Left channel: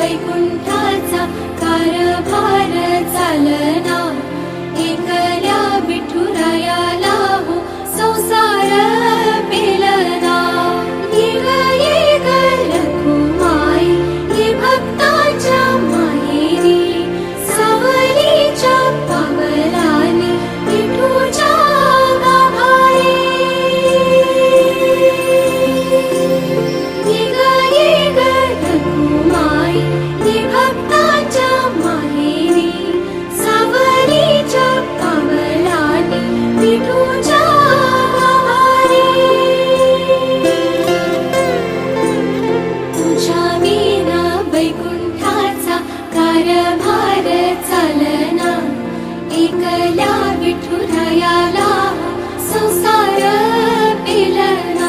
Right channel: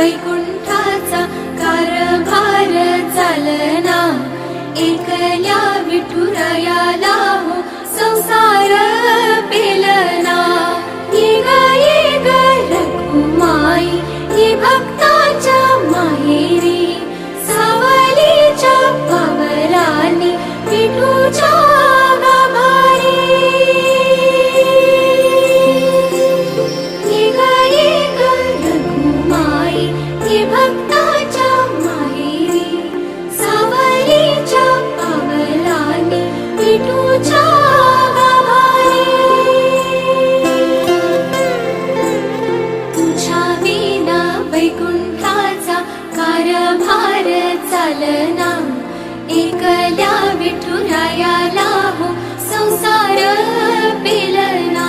वैकुंठाचा कारभार चालना, एकल्या विठुरायाला हो संसार पेलना। ये ग रखुमाई हे भक्ताच्या माहेरी, सावलीच्या पावलांनी विठूच्या गाभारी। ये ग रखुमाई हे भक्ताच्या माहेरी, सावलीच्या पावलांनी विठूच्या गाभारी। तुझ्या विना वैकुंठाचा कारभार चालना, एकल्या विठुरायाला हो संसार पेलना।